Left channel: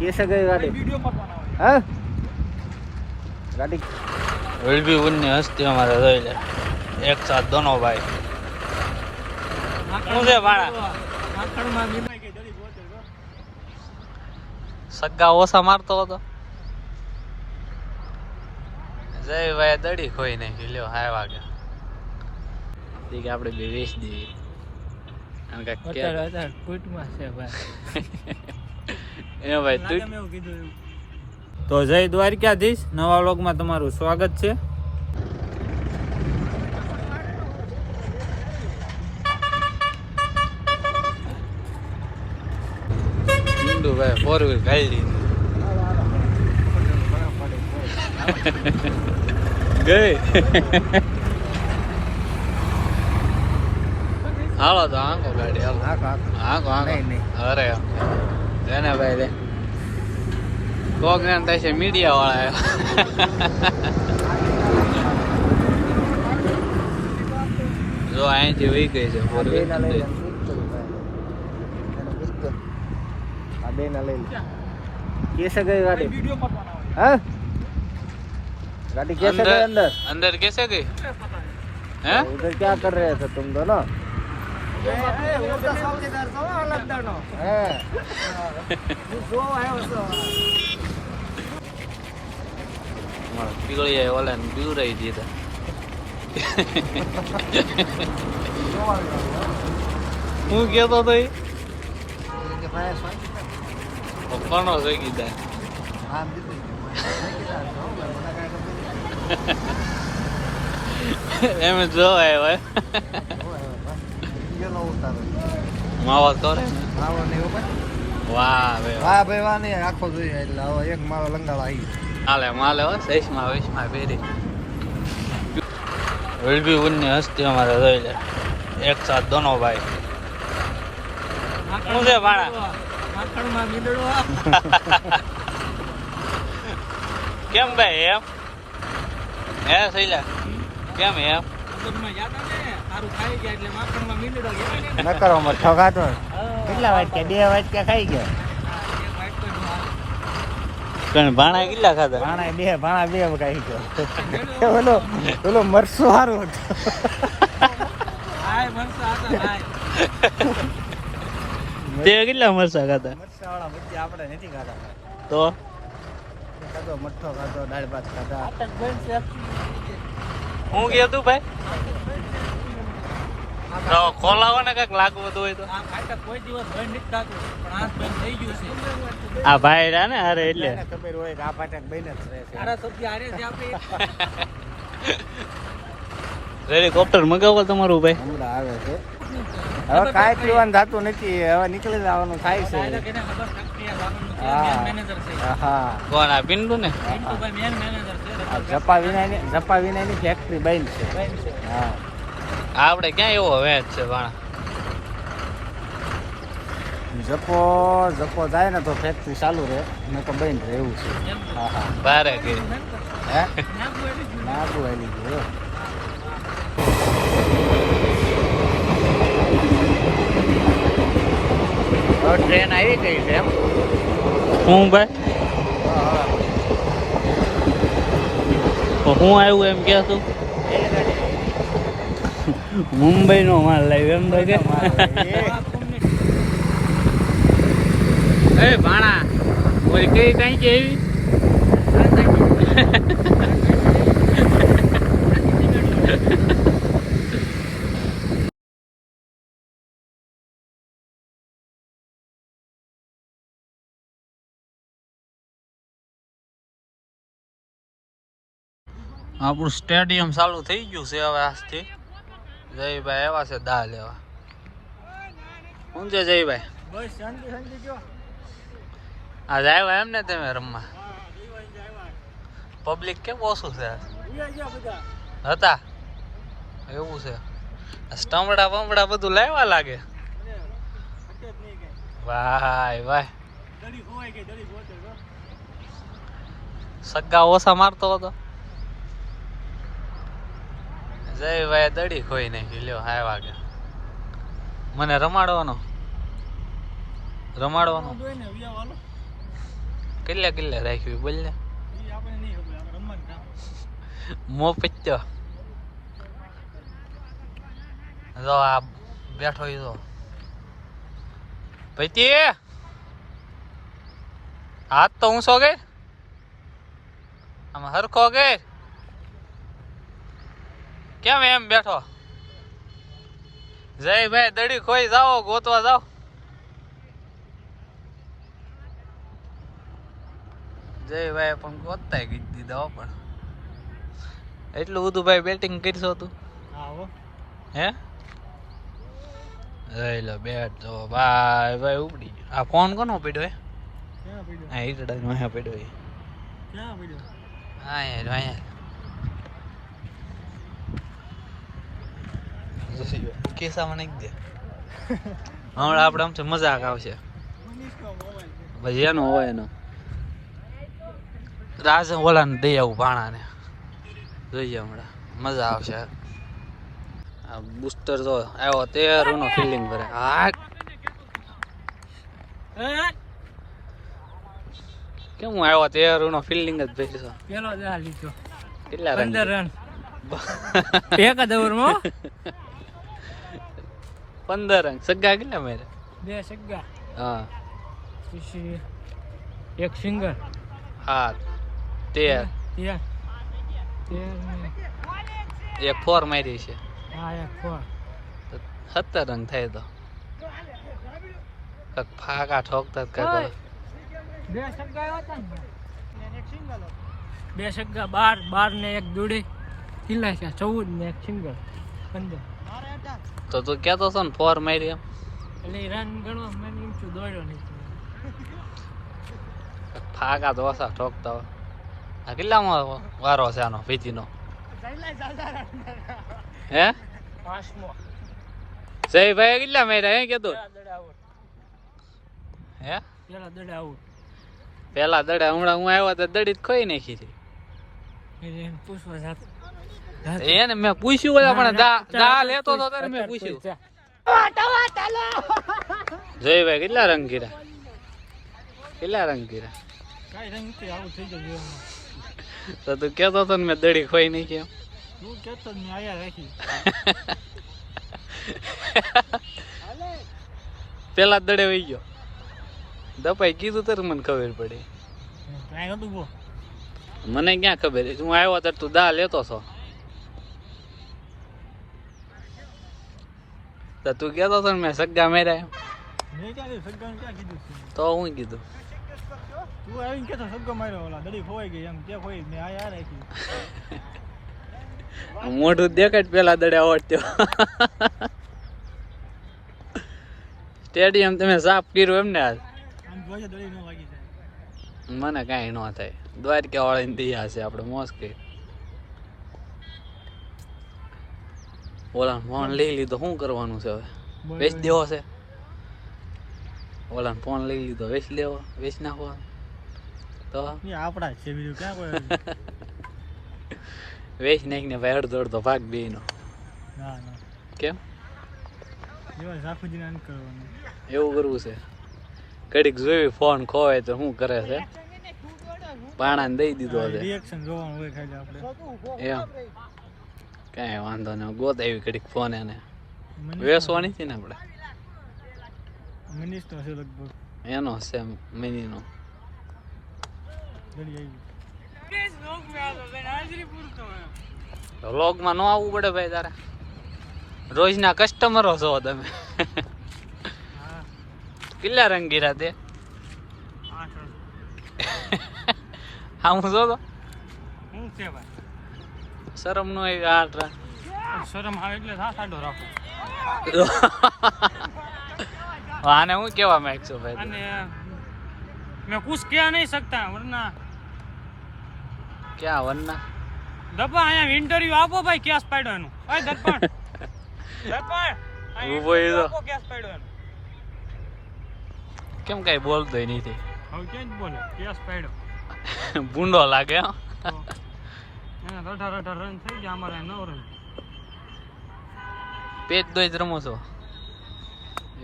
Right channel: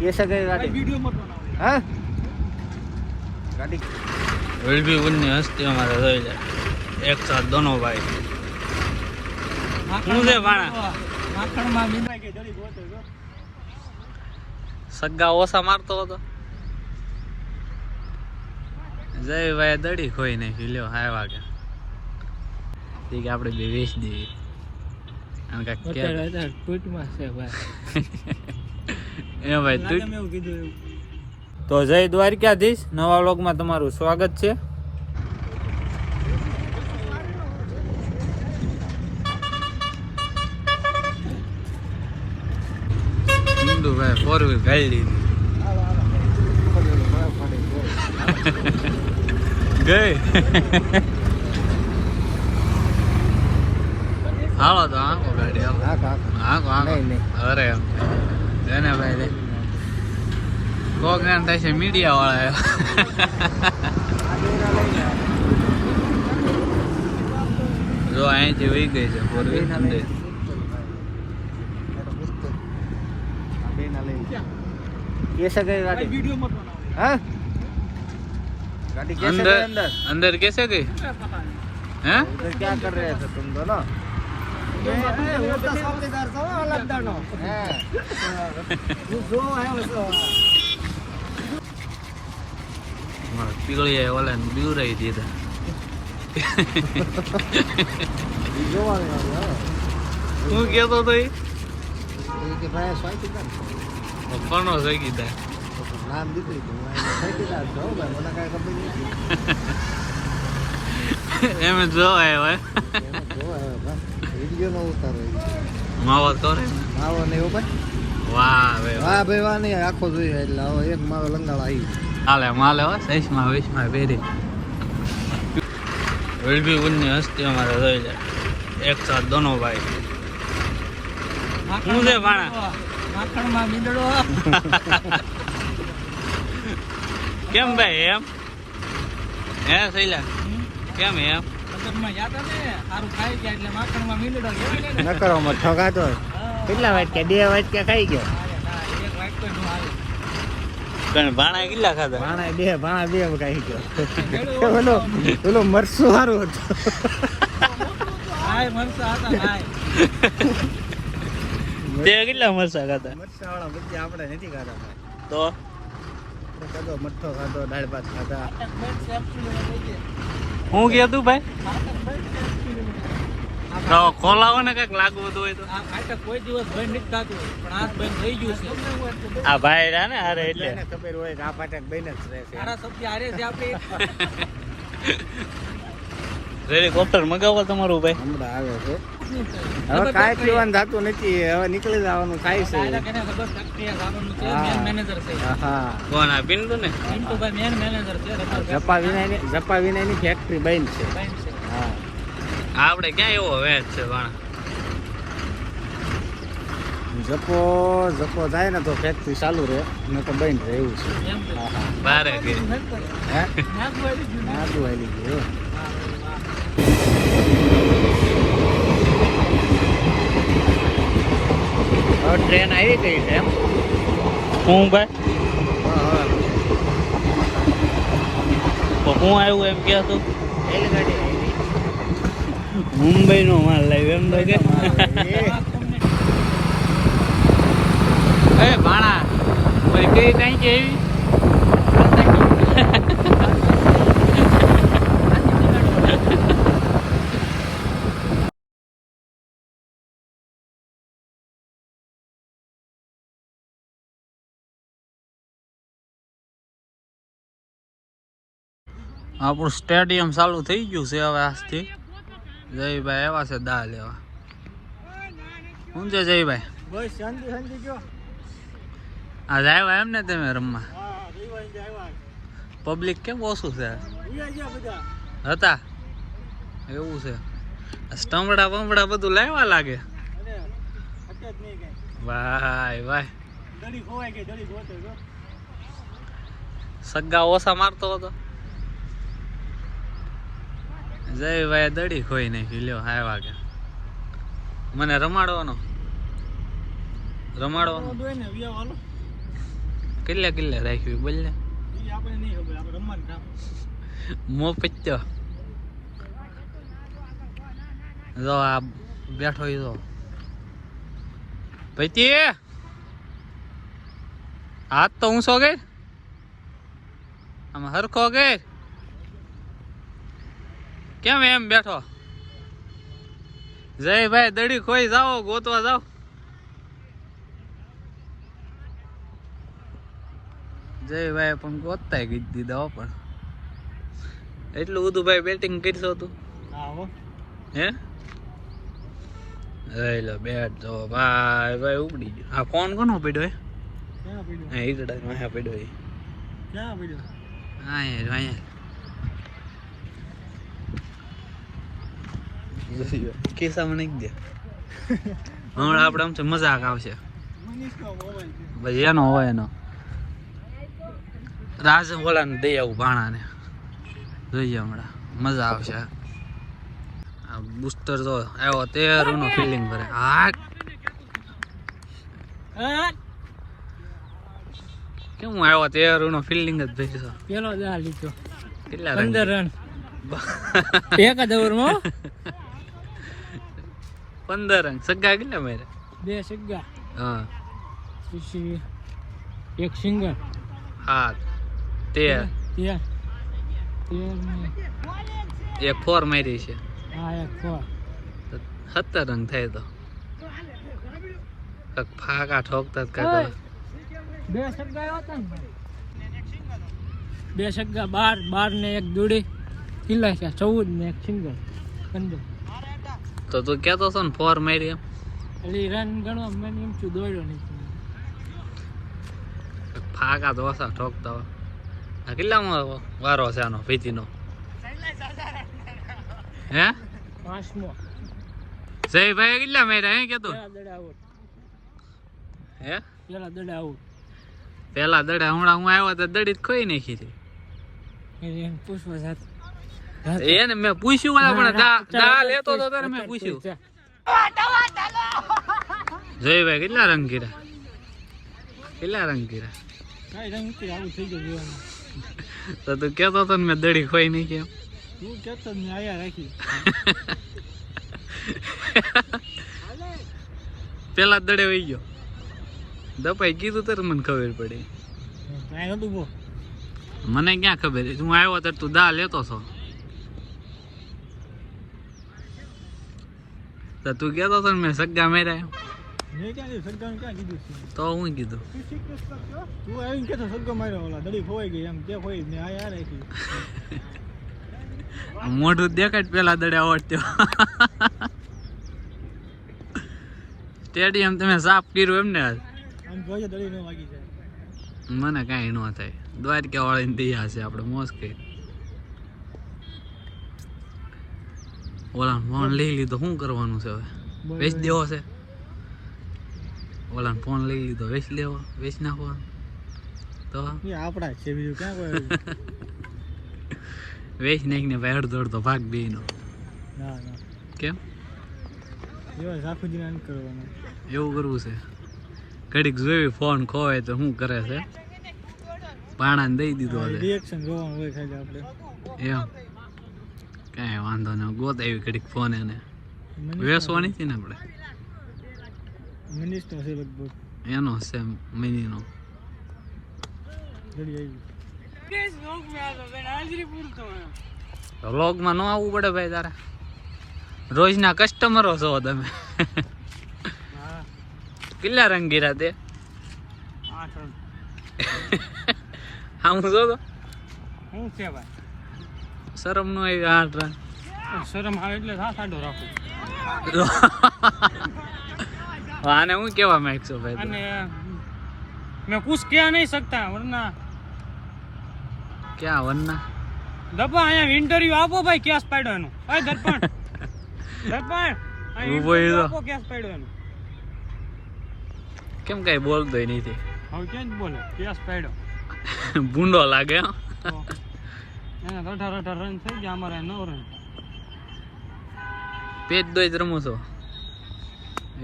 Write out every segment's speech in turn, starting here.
कैसा गई गाड़ी वीडियो में हैं गाड़ी विल भी उन्ने हस्ती हमारे रही एक साथ दोनों भाई मुझे बाड़ा माखण में मीना के जड़ी बोते तो सग्गा ओसा मारतो હતો જય ભાઈ દડી ખોઈ નાખી લ્યો હાય વાગે ઠીક આપણે બે વેચ દઈએ કારણ કે અત્યારે કુટમાં છે ભાઈ એ ભાઈ લાગે મેં એવું કીધું એવું તો જય દ્વારકાધીશ નવા વ્લોગમાં તમારું સ્વાગત છે ભાઈ 4 વ્હીલ ગાડી ગઈ હાલો તો આંકો ગાડી આંકો નહીં અરે એને ભાઈ રે પ્રોગ્રામ થાય છે મીડિયા વાળા જો અહીંથી વહી ગઈ છે कैसा गई गाड़ी वीडियो में हैं गाड़ी कैसे गई अंदर अंदर कैसे गई हैं इधर क्या कर रहे थे तुम दोनों वो तो चौकीदार था अलग दानो जो है वो हां किलो ये वाला दूर रही थी था जो आ गया वो क्या था भाई કે ભાઈ સ્વાઈ કિતા પપ્પાનો થઈ ગયો નામ દીકરી તો સ્વાઈ કિતા જો ભાઈ મને કાઈ ખબર નહીં એમ જો ભાઈ વિડિયો નો ઉતારો માવો કરે માવો ને ભાઈ વાહ ભાઈ વાહ નહીં આખો જોઈએ એટલે હવે એક માવો લંગાળો આવી હાલે માલે હો 6 માં 20 માં બેરી વિલ भी उन्ने हस्ती हमारे रही एक साथ दोनों भाई मुझे बाड़ा माखण में मींदड़ो કેમ ભાઈ એમ હે સઈલા કેમ એમ અંદર માં જાતા ને સારું ખાઈ ગયા એટલે માખણ માં મીંદડો કહેવાય ને નકરો માં ઠગાતો કેટલા વાટકા 2 વાટકા ખાઈ ગયા એક વાટકો નું હાલ પણ ભાણા કેટલા ખાધા ભાણા 2 ખાઈ ગયો પેલો મરસો સારું હતો હાય મરસા હતા હાય તે કેટલા મરસા ખાતા મરસા વાળા બધી આપણે નથી ખાતા તો કદો મઠ્ઠો ખાધો દાળ ભાત ખાધા હું ગયો તું ભાઈ તો ખોલાવો ને કઈક લાગવું હોય તો આ ખાતા કોઈ દિવસ ભાઈ નથી ખાતું પણ આ ભાઈ થઈ ગયું છે આ ભાઈ ને અરે એટલે એને ખબર હોય કે આ પાટક ભાઈ જ રહે છે અરે તો આરે છે આપણે હેલિકોપ્ટર મગાવો તમારું ભાઈ હમણાં આવે છે હવે કાઈ પીવાનું જાતું નથી હવે નીકળી જવાનું થાય છે એને ખબર ફેક્ટરી જવાનું છે મેન મેનેજર છે હા કોણ આ પિન્ટુ ને પિન્ટુ ભાઈ મેન મેનેજર છે જપા વિનાની ફેક્ટરી બંધ છે હા આપણે ક્યાં એવો વેચ છે પણ જપો જાય ને તો ફેક્ટરી ચાલુ રહે ન તો બંધ રહે એવું છે બારે હે ટ્રેન આવી ગઈ છે હું ભાઈ હું આવ્યું એમ કે તું મુંબઈ નો માલ લાવ્યો એમ તો કે ભાણા કઈ ટાંકી એવી આપણું સ્ટેડિયમ ચાલુ થઈ ગયું છે હવે આજથી જયભાઈ આવ્યા છે દા લેવા શું છે જયભાઈ બસ શાંતિ જો આજ આવ્યા એમ ને તમે રમવા પબ્લિક કેમ ઓછું છે હતા એવું છે સ્ટમડા બમડા બધું લાવવા લાગે ભાઈ સગ્ગા ઓછા મારતો હતો જય ભાઈ દડી ખોઈ નાખી લ્યો હાય વાગે મને રમાડવાનો રમાડવાનું દોય ને વિયા વાલો કેટલા રાખ્યું બોલ ને ઈ આપણે નહીં ખબર આપણે રમવાનું કામ મો પત્યો જો આ બેઠો ઈ જો પૈતી હાથ તો ઊંચો ગઈ આમ હરખો ગઈ કેમ એમ બેઠો જયભાઈ દડી ખોઈ જાઓ ગોતવા જાઓ જયભાઈ પણ ગોતતા ગઈ દીધા પણ એટલું બધું ભાઈ બેટિંગ કરશો તું હા હો હે જઈ લો બેટ જો ભાઈ ઉપડી ગયો આ ફોન કોનો પડ્યો ક્યાં પડ્યો હા ઈડડા માં પડ્યો ક્યાં પડ્યો હા યાર કિસ્સામાં નહીં દે હમણાં આપણે આમ મજાક આવશે ભાઈ એનો હોય એનો રાસે ઓલાને દઈ આવું ભાણાને જોઈએ હમણાં મજા આવશે આ બુસ્ટર તો આવ્યો તેરનો ફિલિંગ ભરે હાટ કેમ હું આવ્યો તેરનો ફિલિંગ જ ભર્યો પેલો દા લીધો કેટલા 15 રન એક જ ઓવરમાં 15 રન સગ્ગા કેટલા મેરે 2 સગ્ગા હા પછી એક સિંગર હા 13 ને એક 4 મારી છે હા એક 4 17 રન થાય તો કક ફાકા ઠોકતા જ કાઢો 2 સગ્ગા આવ્યા હતા ને 2 સગ્ગા 12 ને એક દોડી કિલ્લા છે 14 ને એક સિંગર 15 તો તું કહેતો હતો ને 4 મારી એમ એટલે રન ગણવા મને એમ છું દોડ્યો નહીં ફાકા તો ઓછા ઠોકતા હોય આ કેટલામાં વારો છે આનો ભીતીનો હે 5મો જયભાઈ કેટલા માર્યા હે કેતો હે પેલા દડે આઉટ પેલા દડે હમણાં હું આવ્યો તો દડી જ ખોઈ નાખી હતી એને પૂછવા જાત એને મેં પૂછ્યું ઓલા પણ દા લેતો તો ત્યારે મેં પૂછ્યું જયભાઈ કેટલા રંગ કર્યા કાઈ રંગ નથી આવું થઈ ગયું જીવનમાં તો તું કેતો હતો ને મેં દડી ખોઈ નાખી એમ તું કેતો મેં આયા રાખી પેલા દડે વહી ગયો દપાઈ કીધું ત્યારે મને ખબર પડી કાંઈ નતું બો મને ક્યાં ખબર હું આવ્યો ત્યારે તું દા લેતો છો તો તું કેતો હતો ને મેં સગ્ગા માર્યા મેં ક્યાં સગ્ગાને ક્યાં કીધું છે તો હું કીધું તું આવીને કેતો સગ્ગો માર્યો ઓલા દડી ખોવાઈ ગઈ એમ કે ખોઈ મેં આયા રાખી મોઢું દેખાય પેલા દડે આવડતો સ્ટેડિયમ તમે સાફ કર્યું એમ ને આજ આમ જોઈએ દડી ન વાગી જાય મને કાંઈ ન થાય દ્વારકા વાળીને દયા છે આપણે મોજ કરી ઓલા ફોન લઈ લીધો શું કરવાનું છે હવે વેચ દેવો છે ઓલા ફોન લઈ લીધો વેચ નાખવાનો તો આપડા છે બીજું ક્યાં કોઈ વેચ નાખીને ભાઈ અડધો ભાગ બે નો ના કેમ એવા ઝાખુજી ના કરવાનું એવું કરવું છે ઘડીક જોયું ફોન ખોવાય તો શું કરે છે ભાણાને દઈ દીધો રિએક્શન જોવાનું હોય ખાલી આપણે એમ કાંઈ વાંધો નહીં ગોત આવી ઘડીક ફોન એને વેસવાની છે ને આપણે મિનિસ્ટર છે લગભગ એનો છે મિનીનો જલ્દી આવી વ્લોગમાં ન આવવું પડે ભાઈ તારે રોજના કસ્ટમરો છો તમે કેટલા રંગ ગીરા તે 8 રન હા હું જો તો હું છે ભાઈ શરમ નો આવી 8 રન શરમ આવે એટલે સાડો રાખો આને હું કેવા માંગছো ભાઈ અને मैं कुछ कह नहीं सकता वरना क्या वरना दबा आया इंटरव्यू आपो भाई क्या स्पाइडर नो ओए दर्पण ઊભો ઈ તો. आपो क्या स्पाइडर नो કેમ કઈ બોલતો નથી હવે કેમ બોલે क्या स्पाइडर ભૂંડો લાગે હો. તો એના 18 રન થઈ ગયા અમારે 9 રન પેજ દોઈ જ રમો છો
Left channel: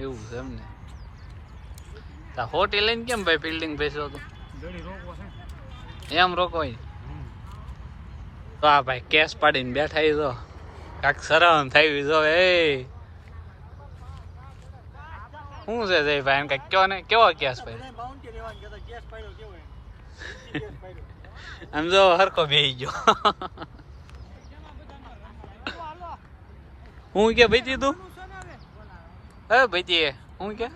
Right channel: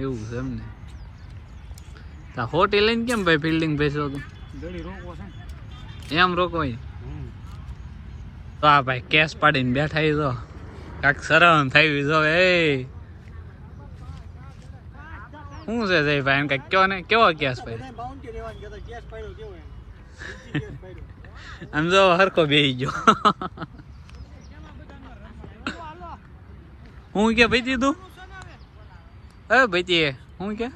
એવું છે એમ ને હોટી લઈને કેમ ભાઈ ફિલ્ડિંગ બેસ્યો તું ગડી રોકવો છે એમ રોકવાય તો આ ભાઈ કેસ પાડીને બેઠા ઈ તો કાંક શરમ થઈ જો એ શું છે જય ભાઈ એમ કઈ કયો ને કેવો કેસ આમ જો હરખો બેસી ગયો હું કે ભાઈ તું હા ભાઈ હું કે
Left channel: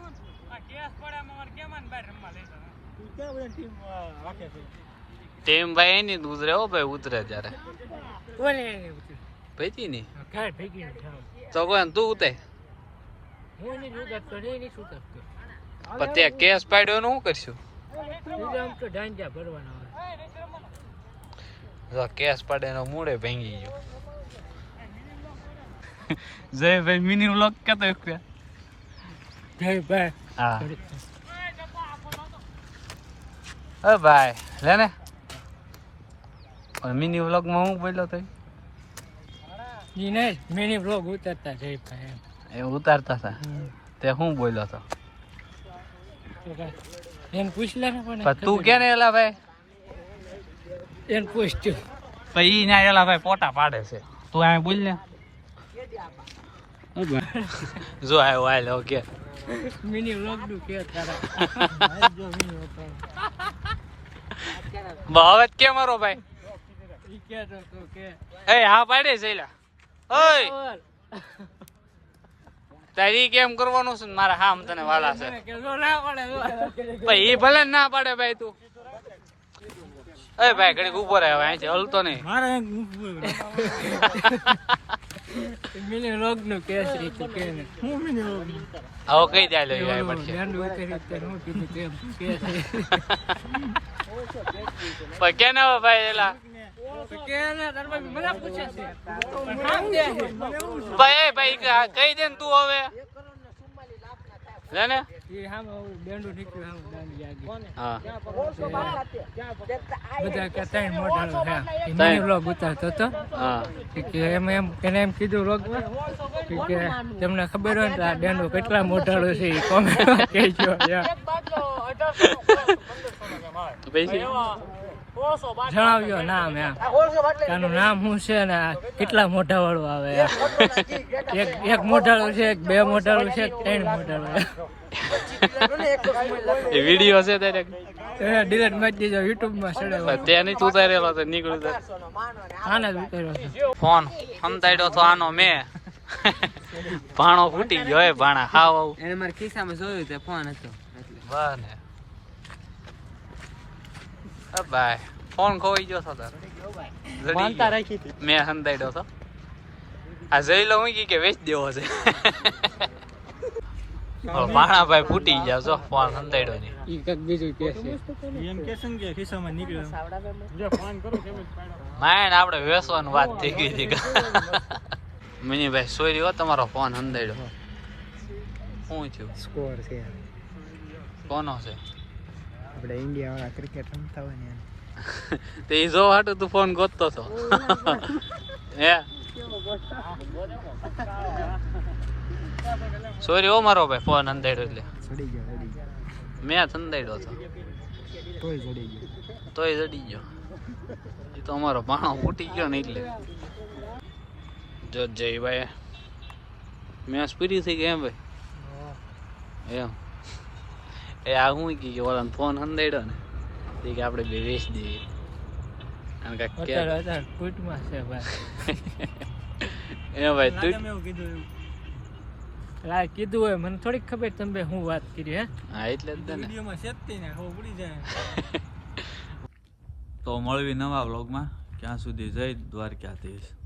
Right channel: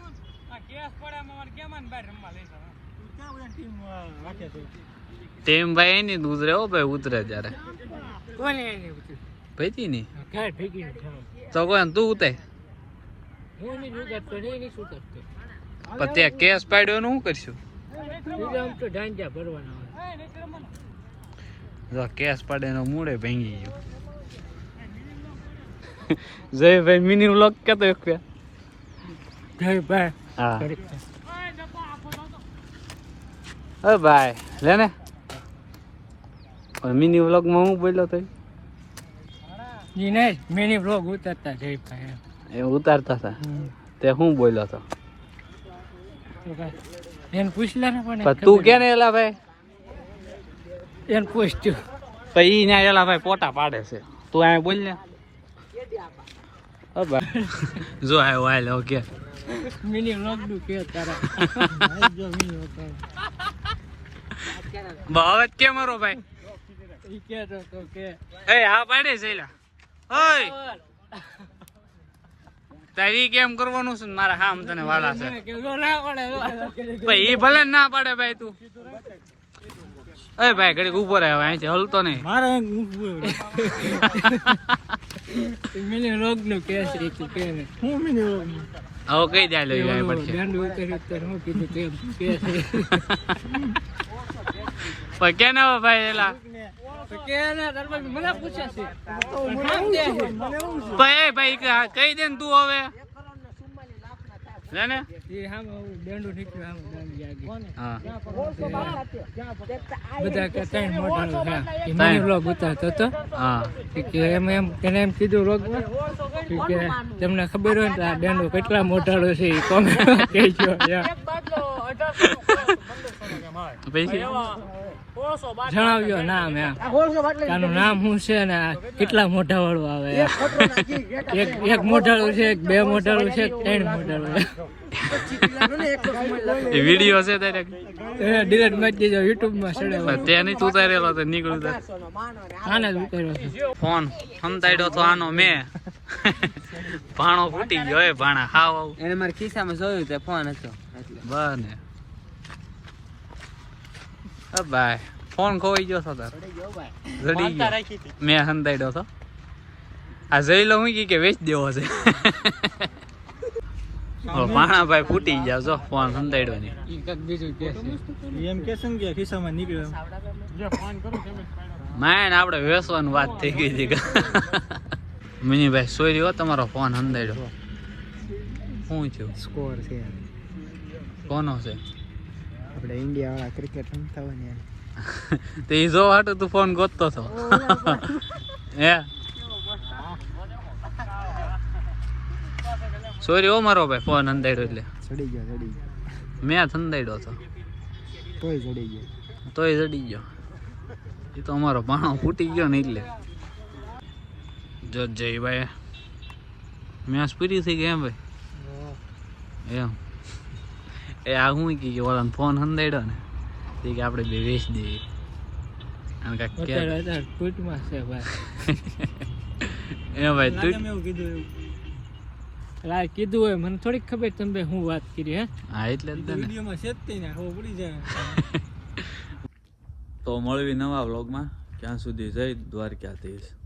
ટીમ ભાઈ એની જ ઉતરે હો ભાઈ ઉતરે ત્યારે ભાઈ ની તો કોઈ તું ઉતરે પણ ત્યાં કેસ પાડ્યો શું કરશું જો કેસ પાડે નો મૂળે ભાંગી ગયો જયભાઈ મિની વ્લોગ કેતો એક ભાઈ લે ને મિની વ્લોગ માં હું બોલ્યો તો મિની બ્લોગ ઉતારતા જયભાઈ એ ઉતારતા હતા તે હું બોલ્યો હતો એને પૂછલા ને પણ તું કે ને એલા ભાઈ એને પૂછ્યું પછી ને એલા ભાઈ પોટા પાડે છે તું આ બોલ ને જો આવ્યો આય ઓકે મિની વ્લોગ નું કે તારા જો મિની વ્લોગ ભાવત કે મારો ભાઈ ઈ કે તો કે એ હા પાડે છે એલા ઓય તારી કેમ કરવાનું છે મારા હા તને વાલા છે કે જો ના પડે ભાઈ એ ભલે ના પાડે ભાઈ તું એ ભાઈ ઘડીક ઉભો રહે હવે અહીંથી હલતો નહીં મારે મિની વ્લોગ નું કે છે તું કે ને હું મિની વ્લોગ નું આવો કઈ દે લે દાંડુ ઉતરી ઉતરી હું કીધું તેમ કે છે પણ કે ના ભાઈ એલા તો કે ને દરબાર મને પૂછે છે તો મને દે છે મને હું છે ભાઈ ભાઈ કહી દે ને તું હવે લે ને એ હામ દાંડુ નીકળ્યું હામ દાંડી આગે હા બધા કે ત્રણ મોઢાળો છે એ મિની વ્લોગ ઉતારતો હતો હા કે એમ એને એમ કીધું વ્લોગમાં કે તમને ખબર હોય તો આ દાંડો કેટલા મોઢાળો છે એ કોમેન્ટ કહેજો જણાવ્યો નામ આનું નામ શું છે ને કેટલા મોઢા વાળું આવે એક મોઢાળું છે બે મોઢાળું છે ત્રણ મોઢાળું વિડીયો છે તારે ડિલીટ મારી દીધો યુટ્યુબ માં ચડે ત્યાં નહીં ઉતારેલો તો નીકળ્યું આને જ ઉતાર્યો છે ફોન હંતાડ્યો તો આનો મેં ભાણો ફૂટી ગયો એ ભાણા હાવ એને મારા ખિસ્સામાં જોયું તે ફોન હતો એટલે બને ભાઈ ફોન ખોવાઈ ગયો છો તાર મેં હંતાડ્યો તો આ જોઈ લો હું કે વેચ દેવો છે ભાણા ભાઈ ફૂટી ગયા છો ફોન હંતાડ્યો નહીં એમ કે સંગે ખિસ્સામાં નીકળ્યો માયને આપણે વેસવાની વાત થઈ ગઈ હતી મિનીભાઈ સોરી હો તમારો ફોન હંતાડ્યો શું થયું સ્કોર છે કોનો છે આપણે ઇન્ડિયા વાળા ક્રિકેટ રમતા હોય ને તે ઈ જો હાટો તું ફોન ગોતતો છો હે સોરી હો મારો ભાઈ ફોન હંતાડ્યો એટલે ચડી ગયો મેં હંતાડ્યો હતો તોય ચડી ગયો ચડી ગયો એ તો અમારો ભાણો ફૂટી ગયો ને એટલે જો જય ભાઈ મેચ પૂરી થઈ ગઈ એમ ભાઈ એમ એ આ હું કે ઓલા ફોન હંતાડ્યો ને એ કે આપણે બે વેચ દઈએ અત્યારે કુટમાં છે ભાઈ એ ભાઈ એવું કીધું કીધું હોય મને થોડીક ખબર તમે હું વાત કરી હે હા એટલે વિડીયોમાં છે જ ને ખબર પડી જાય તો મળવી નવા વ્લોગમાં ક્યાં સુધી જય દ્વારકાધીશ.